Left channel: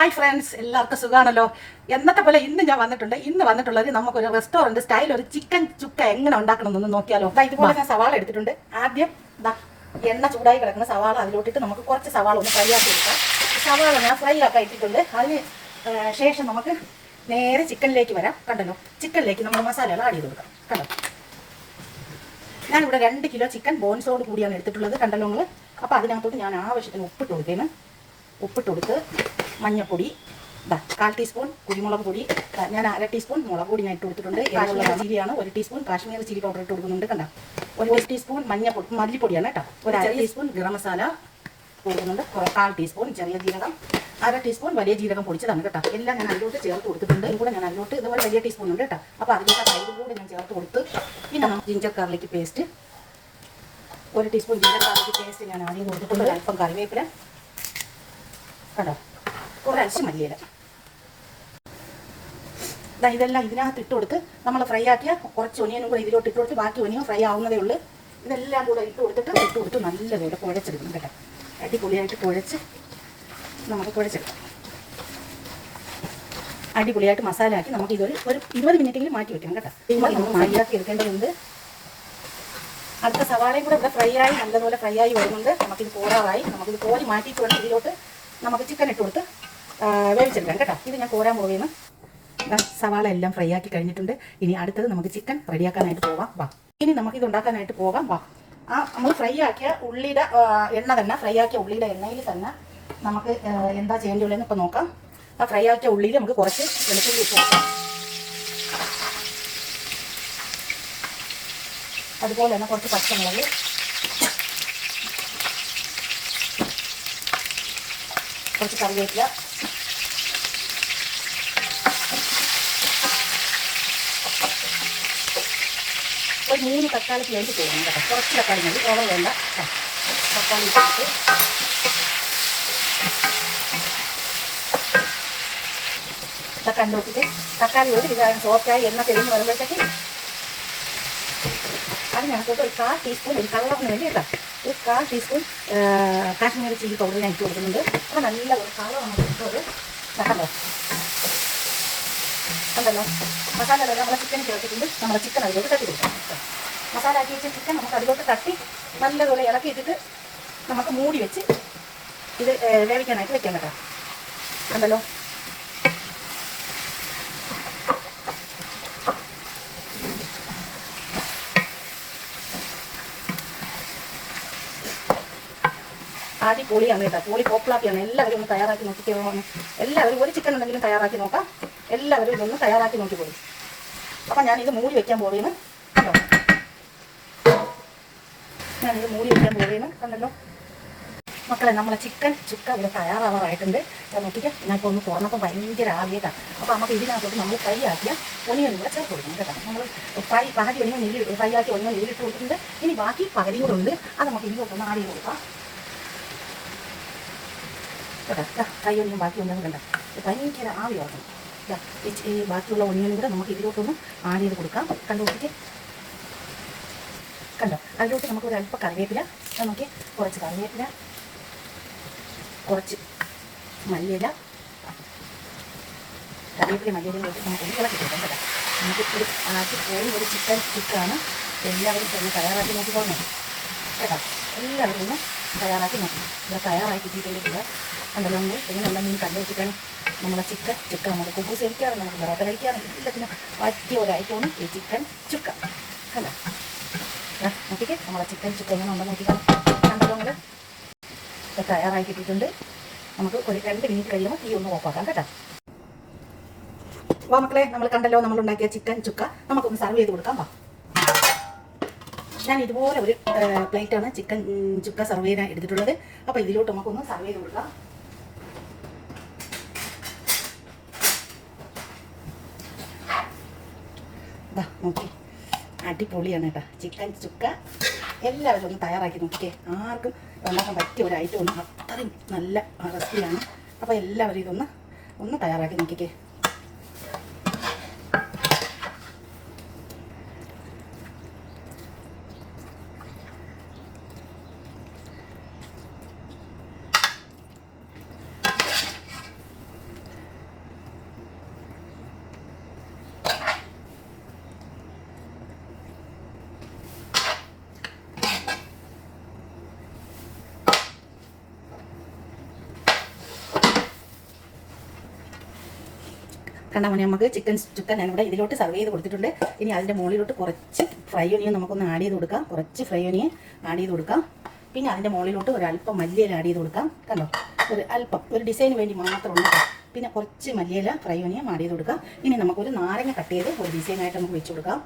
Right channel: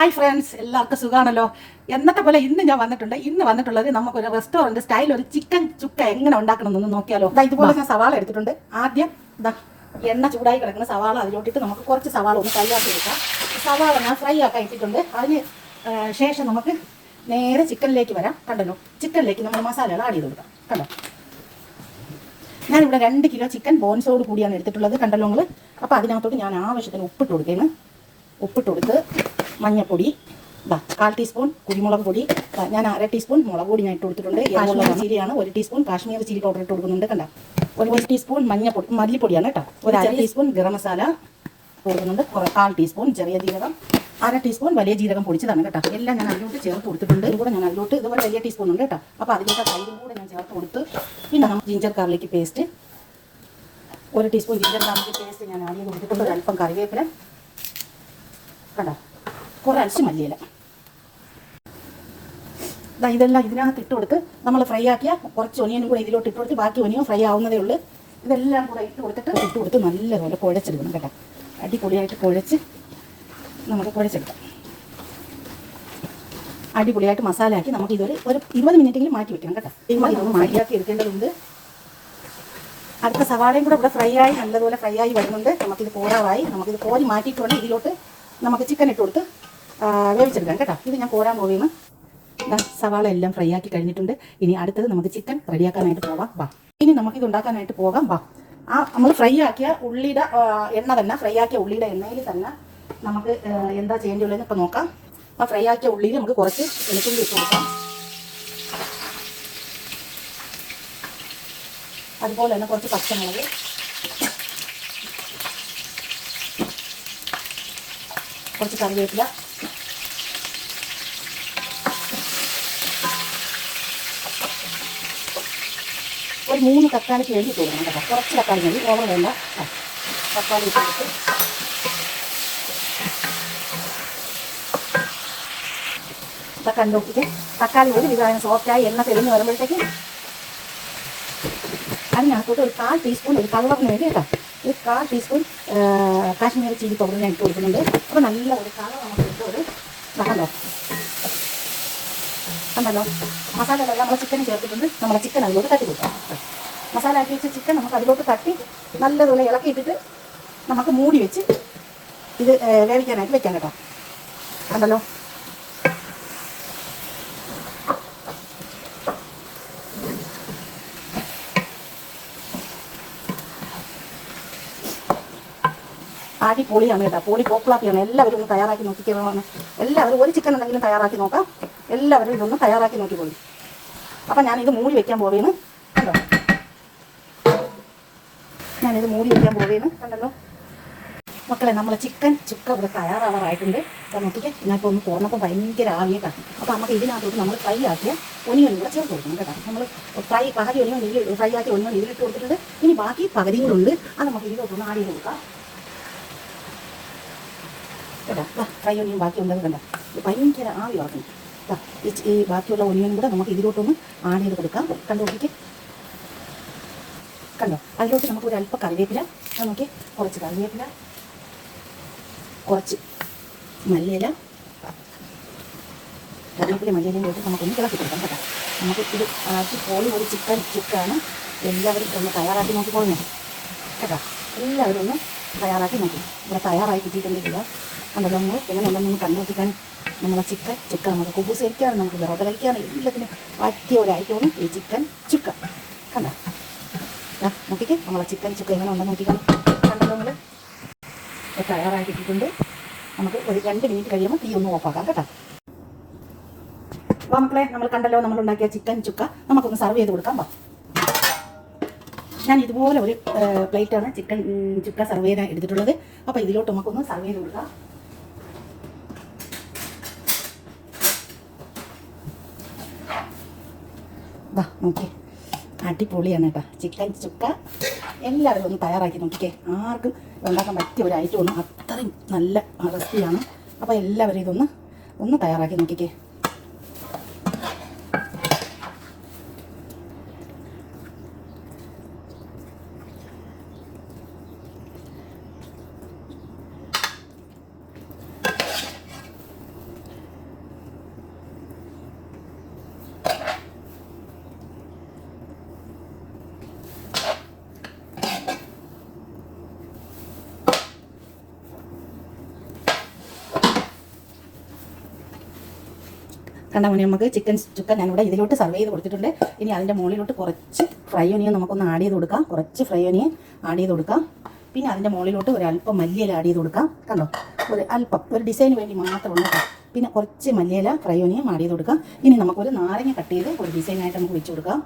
Hi friends, എല്ലാവർക്കും സുഖമാണല്ലോ. എന്നത്തെ പോലെ ഇന്ന് വന്നിട്ടുള്ളത് നമുക്കൊരു റെസ്റ്റോറൻറ്റ് സ്റ്റൈൽ ഒരു ചിക്കൻ ചുക്ക എങ്ങനെ ഉണ്ടാക്കണമെന്നൊന്ന് നോക്കിയാലോ. ഇതുപോലെ ഞാൻ സവാള എടുത്തിട്ടുണ്ട്. ആദ്യം എണ്ണ ചൂടായി കിടക്കുന്ന സവാള അതിലോട്ടിട്ട് നമുക്ക് കുറച്ച് സവാള ഒന്ന് ഫ്രൈ ആക്കി എടുക്കാം. സവാള ഞാൻ ഫ്രൈ ആക്കാൻ ഇട്ടിട്ടുണ്ട്. അതിന് ശേഷം നമുക്ക് നേരെ ചിക്കനിലേക്ക് വരാം. കണ്ടല്ലോ, ചിക്കനിലേക്ക് നമ്മൾ മസാലകൾ ആഡ് ചെയ്ത് കൊടുക്കാം. കണ്ടോ, ഞാനിവിടെ 2 കിലോ ചിക്കൻ ബോൺസോട് കൂടിയാണ് എടുത്തിട്ടുള്ളത്. കണ്ടല്ലോ നിങ്ങൾ. അപ്പോൾ അതിനകത്തോട്ട് ഞാൻ ആവശ്യത്തിന് ഉപ്പിട്ട് കൊടുക്കുകയാണ്. ഉപ്പിട്ട് കൊടുത്ത് മഞ്ഞപ്പൊടി 1/4 ടീസ്പൂൺ, കുരുമുളക് പൊടി ഞാൻ 1/2 ടീസ്പൂൺ മുളക് പൊടി ഞാൻ ഇട്ട് കൊടുത്തിട്ടുണ്ട്. കാശ്മീരി ചില്ലിയാണ്. 1 ടീസ്പൂൺ കാശ്മീരി ചില്ലി പൗഡർ ഇട്ട് കൊടുക്കുന്നുണ്ട്. കണ്ട, 1 ടീസ്പൂൺ മല്ലിപ്പൊടിയാണ് കേട്ടോ. 1/2 ടീസ്പൂൺ ഗരം മസാല കൊടുക്കുന്നുണ്ട്. 1/4 ടീസ്പൂൺ ചെറിയ ജീരകം, 1/2 ടീസ്പൂൺ വലിയ ജീരകം പൊടിച്ചതാണ് കേട്ടോ. എല്ലാം ഞാൻ അതിലോട്ട് ചേർത്ത് കൊടുത്തിട്ടുണ്ട്. ഇതുകൂടെ ഞാൻ അതിലോട്ട് ഇതുപോലെ വലിയ ടീസ്പൂൺ ഉണ്ട് കേട്ടോ. അപ്പോൾ അതിലോട്ട് തൈരും കൂടെ ഞാൻ ചേർത്ത് കൊടുത്ത് പിന്നെ ginger garlic paste 1 teaspoon ginger garlic paste ഞാൻ ആദ്യം കൊടുത്തിട്ടുണ്ട്. അല്പം കറിവേപ്പില, കണ്ടോ, കുറച്ച് മല്ലിയില. ഇതെല്ലാം ഇതിനകത്ത് ഇട്ട് കൊടുത്ത് നമ്മൾ ഫ്രൈ ആക്കിയ കുറച്ച് ഒനിയനും കൂടെ ഇതിലോട്ട് ഇട്ട് കൊടുത്ത് ബാക്കി ഒനിയൻ ഫ്രൈ ആവുന്നതേ ഉള്ളൂ. ഇതെല്ലാം കൂടെ ഇട്ട് കൊടുത്ത് നല്ലപോലെ കുഴച്ചെടുക്കണം കേട്ടോ. അടിപൊളിയായിട്ട് കുഴച്ച് നമുക്ക് കുഴച്ചെടുക്കാം. അടിപൊളിയായിട്ട് മസാല ആക്കി നമുക്ക് ഇതൊരു 20 മിനിറ്റെങ്കിലും മാറ്റി വെക്കണം കേട്ടോ. നമ്മൾ മാറ്റിയാക്കി എടുക്കേണ്ടതുണ്ട്. അടുത്ത സവാളയും കൂടെ ഇവിടെ ഫ്രൈ ആയി നല്ലതുപോലെ ഫ്രൈ ആയി വരുന്നുണ്ട്. നമുക്കിത് കോരാറായി. നമുക്കിത് കോരി മാറ്റിയിട്ട് വേണം ഇതിലോട്ട് നമുക്ക് ചിക്കൻ ഇട്ട് കൊടുത്ത് വേവിച്ചെടുക്കാം കേട്ടോ. ഇത് ഞാൻ കോരാൻ പോവുകയാണ്. സവാള എല്ലാം ഫ്രൈ ആക്കി കഴിഞ്ഞിട്ടുണ്ട്. ഇനി അടുത്തത് നമുക്ക് ചിക്കൻ റെഡിയാക്കാനായിട്ട് പോകാം. ഇനി നമുക്കിത് ഉണ്ടാക്കാനായിട്ട് പോകാം. നമ്മൾ ഫ്രൈ ആക്കിയ ഉള്ളിയുടെ എണ്ണ തന്നെ, ഫ്രൈ ആക്കിയ ഉള്ളിയുടെ എണ്ണയിൽ തന്നെ നമുക്ക് എന്താ ചെയ്യേണ്ടതെന്ന് ഇപ്പം നോക്കാം. ആ ഫ്രൈ ആക്കിയ ഉള്ളിയിൽ നമുക്ക് കുറച്ച് വെളുത്തുള്ളി ഇട്ട് കൊടുക്കാം. അതുപോലെ തന്നെ കുറച്ച് പച്ചമുളക്, കുറച്ച് കറിവേപ്പില, ഒരു 3 തക്കാളിക്ക് വേണ്ടി കൊടുക്കണം കേട്ടോ. കുറച്ച് തക്കാളി മതി, ഓവർ വേണ്ട. തക്കാളി ഇട്ട് തക്കാളി നോക്കിയിട്ട് തക്കാളി ഒരു വിധമാണ് സോഫ്റ്റായി എണ്ണ തെളിഞ്ഞ് വരുമ്പോഴത്തേക്ക് അതിനകത്തോട്ട് ഒരു 1/4 ടീസ്പൂൺ ഒരു കളറിന് വേണ്ടി കേട്ടോ, ഒരു 1/4 ടീസ്പൂൺ കാശ്മീരി ചില്ലി പൗഡർ ഞാൻ ഇട്ട് കൊടുക്കുന്നുണ്ട്. അപ്പോൾ നല്ല ഒരു കളറാണ് ഇട്ടത്. കണ്ടല്ലോ, മസാലകളെല്ലാം നമ്മളെ ചിക്കൻ ചേർത്തിട്ടുണ്ട്. നമ്മളെ ചിക്കൻ അതിലോട്ട് തട്ടി കൊടുക്കാം. മസാല ആക്കി വെച്ച ചിക്കൻ നമുക്ക് അതിലോട്ട് തട്ടി നല്ലതുപോലെ ഇളക്കിയിട്ടിട്ട് നമുക്ക് മൂടി വെച്ച് ഇത് വേവിക്കാനായിട്ട് വെക്കാം കേട്ടോ. കണ്ടല്ലോ, അടിപൊളിയാണ് കേട്ടോ. പൊളി പോപ്പുലാക്കിയാണ്. എല്ലാവരും ഒന്ന് തയ്യാറാക്കി നോക്കിക്കോളാം. എല്ലാവരും ഒരു ചിക്കൻ എന്തെങ്കിലും തയ്യാറാക്കി നോക്കാം. എല്ലാവരും ഇതൊന്ന് തയ്യാറാക്കി നോക്കിക്കോളും. അപ്പം ഞാനിത് മൂടി വയ്ക്കാൻ പോവുകയാണ്. കണ്ടോ, ഞാനിത് മൂടി വയ്ക്കാൻ പോവുകയാണ്. കണ്ടല്ലോ മക്കളെ, നമ്മളെ ചിക്കൻ ചുക്ക ഇവിടെ തയ്യാറാവാറായിട്ടുണ്ട്. അപ്പോൾ നോക്കിക്കാം. ഞാനിപ്പോൾ ഒന്ന് തുറന്നപ്പോൾ ഭയങ്കര ആവിയേക്കാം. അപ്പോൾ നമുക്ക് ഇതിനകത്തോട്ട് നമ്മൾ ഫ്രൈ ആക്കിയ ഒനിയൻ കൂടെ ചേർത്ത് കൊടുക്കണം കേട്ടോ. നമ്മൾ പകുതി ഒനിയൻ ഫ്രൈ ആക്കി ഒനിയൻ ഇതിലിട്ട് കൊടുത്തിട്ടുണ്ട്. ഇനി ബാക്കി പകുതി കൂടെ ഉണ്ട്. അത് നമുക്ക് ഇതിലോട്ടൊന്ന് ആഡ് ചെയ്ത് കൊടുക്കാം കേട്ടോ. ഫ്രൈ ഒനിയൻ ബാക്കി ഉണ്ടെന്ന് കണ്ട ഭയങ്കര ആവി ഉറക്കും. ഈ ബാക്കിയുള്ള ഒനിയനും കൂടെ നമുക്ക് ഇതിലോട്ടൊന്ന് ആഡ് ചെയ്ത് കൊടുക്കാം. കണ്ടോട്ടിക്ക് കണ്ടോ, അതിലോട്ട് നമുക്ക് ഒരു അല്പം കറിവേപ്പില, അത് നോക്കി കുറച്ച് കറിവേപ്പില, കുറച്ച് മല്ലിയില, കറിവേപ്പില മല്ലിയിലയും വെച്ച് നമുക്കൊന്ന് ഇളക്കി കൊടുക്കാം കേട്ടോ. നമുക്ക് ഇത് ആക്കി പോയി ഒരു ചിക്കൻ ചുക്കാണ്. എല്ലാവരും ഒന്ന് തയ്യാറാക്കി നോക്കി പോകുന്നു കേട്ടോ. എല്ലാവരും ഒന്ന് തയ്യാറാക്കി നോക്കി. ഇവിടെ തയ്യാറാക്കി കിട്ടിയിട്ടുണ്ടെങ്കിൽ കണ്ടല്ലോ, നമ്മൾ എങ്ങനെ ഉണ്ടെന്ന് കണ്ടു വെച്ചിട്ടാണ് നമ്മളെ ചിക്കൻ ചുക്ക. നമുക്ക് കുബൂസ് കഴിക്കാനും നമുക്ക് വെറുതെ കഴിക്കാനും എല്ലാത്തിനും പറ്റിയ ഒരു ഐറ്റമാണ് ഈ ചിക്കൻ ചുക്ക. കണ്ടോ, നോക്കിക്കേ നമ്മളെ ചിക്കൻ ചുക്ക എങ്ങനെ ഉണ്ടെന്ന് നോക്കിക്കണം. കണ്ടോ, നമ്മൾ തയ്യാറായി കിട്ടിയിട്ടുണ്ട്. നമുക്ക് ഒരു 2 മിനിറ്റ് കഴിയുമ്പോൾ തീ ഒന്ന് ഓഫാക്കാം കേട്ടോ. അപ്പോൾ മക്കളെ, നമ്മൾ കണ്ടല്ലോ നമ്മളുണ്ടാക്കിയ ചിക്കൻ ചുക്ക. നമുക്കൊന്ന് സർവ് ചെയ്ത് കൊടുക്കാം. ഞാൻ ഇതുപോലെ ഒരു പ്ലേറ്റാണ് ചിക്കൻ ചുക്ക സർവ് ചെയ്യാൻ എടുത്തിട്ടുള്ളത്. അപ്പോൾ ഇതിലോട്ട് നമുക്കൊന്ന് സർവ് ചെയ്ത് കൊടുക്കാം. നോക്കി, അടിപൊളിയാണ് കേട്ടോ ചിക്കൻ ചുക്ക. എല്ലാവരും ഒന്ന് തയ്യാറാക്കി നോക്കിക്കേ. ആർക്കും ഉണ്ടാക്കാൻ പറ്റിയ ഒരു ഐറ്റമാണ്. അത്രയും നല്ല റെസിപ്പിയാണ്. അപ്പോൾ എല്ലാവരും ഒന്ന് തയ്യാറാക്കി നോക്കിക്കേ. കണ്ടാൽ മുന്നേ നമുക്ക് ചിക്കൻ ചുക്ക ഞാനിവിടെ ഇതിലോട്ട് സർവ് ചെയ്ത് കൊടുത്തിട്ടുണ്ട്. ഇനി അതിൻ്റെ മുകളിലോട്ട് കുറച്ച് ഫ്രൈ ഒനിയൻ നമുക്കൊന്ന് ആഡ് ചെയ്ത് കൊടുക്കാം. കുറച്ച് ഫ്രൈ ഒനിയൻ ആഡ് ചെയ്ത് കൊടുക്കാം. പിന്നെ അതിൻ്റെ മുകളിലോട്ട് ഒരല്പം മല്ലിയില ആഡ് ചെയ്ത് കൊടുക്കാം. കണ്ടോ, ഒരു അല്പം, ഒരു ഡിസൈന് വേണ്ടി മാത്രമുള്ള. പിന്നെ കുറച്ച് മല്ലിയില ഫ്രൈ ഒനിയൻ ആഡ് ചെയ്ത് കൊടുക്കാം. ഇനി നമുക്കൊരു നാരങ്ങ കട്ട് ചെയ്ത് ഒരു ഡിസൈനായിട്ട് നമുക്ക് വെച്ച് കൊടുക്കാം.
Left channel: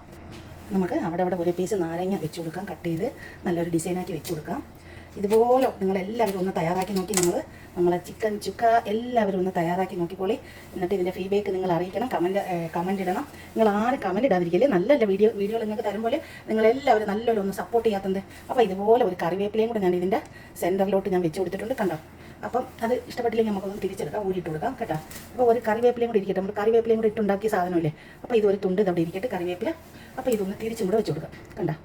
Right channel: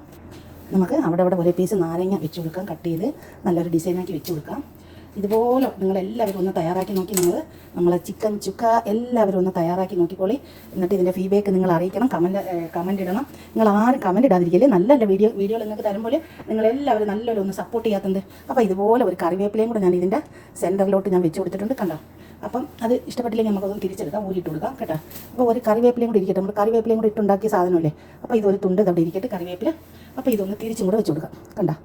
നമുക്ക് അവിടെ ഒരു പീസ് നാരങ്ങ വെച്ച് കൊടുക്കാം, കട്ട് ചെയ്ത് നല്ലൊരു ഡിസൈനാക്കി വെച്ച് കൊടുക്കാം. ഇതുപോലെ നിങ്ങളെല്ലാവരും ഒന്ന് തയ്യാറാക്കി നോക്കി. നമ്മളെ ചിക്കൻ ചുക്ക എല്ലാവരും ഒന്ന് തയ്യാറാക്കി നോക്കിക്കോളി. എന്നിട്ട് ഇതിൻ്റെ ഫീഡ്ബാക്ക് നിങ്ങൾ അറിയിക്കണം, കമൻറ്റ് ഇടണം. നിങ്ങൾ ആരും കമൻറ്റ് ഇടാതിരിക്കില്ലേ. നല്ല വീഡിയോ നിങ്ങൾക്ക് തരുമ്പോൾ നിങ്ങളെല്ലാവരും നല്ലൊരു ഒന്ന് സപ്പോർട്ട് ചെയ്യാത്തത്. അപ്പോൾ ഇതുപോലെ ഒരു കറിവേപ്പിലയും കൂടെ ഞാൻ ഇതിൻ്റെ സെൻറ്ററിലോട്ട് ഞാൻ വെച്ച് കൊടുത്തിട്ടുണ്ട്. കണ്ടോ, അപ്പം അത് ഇഷ്ടപ്പെട്ടില്ലെങ്കിൽ നമുക്കൊന്ന് തിരിച്ചെടുക്കാം, ഊരിയിട്ട് കൊടുക്കാം കേട്ടോ. അപ്പോൾ ഒരു കറിവേപ്പിലയും കൂടി ഇരിക്കട്ടെ. നമ്മൾ കറിവേപ്പിലയും കൂടി ഇട്ടുണ്ടാക്കിയ സാധനമല്ലേ. അപ്പോൾ ഇതൊരു തുണ്ട് അവിടെ ഇരിക്കട്ടെ കറിവേപ്പില. അപ്പോൾ ഇതൊന്ന് തിരിച്ചും കൂടെ വെച്ച് കൊടുക്കാം. കണ്ടോ,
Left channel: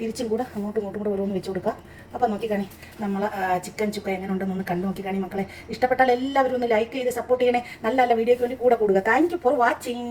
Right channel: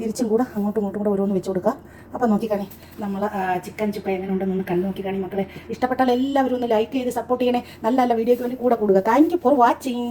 തിരിച്ചും കൂടെ അങ്ങോട്ടും ഇങ്ങോട്ടും കൂടെ ഓരോന്ന് വെച്ച് കൊടുക്കുക. അപ്പോൾ നോക്കിക്കാണേ നമ്മൾ ചിക്കൻ ചുക്ക എങ്ങനെ ഉണ്ടെന്നൊന്ന് കണ്ടു നോക്കിക്കാണേ മക്കളെ. ഇഷ്ടപ്പെട്ടാൽ എല്ലാവരും ഒന്ന് ലൈക്ക് ചെയ്ത് സപ്പോർട്ട് ചെയ്യണേ. നല്ല വീഡിയോയ്ക്ക് വേണ്ടി കൂടെ കൂടുക. Thank you for watching.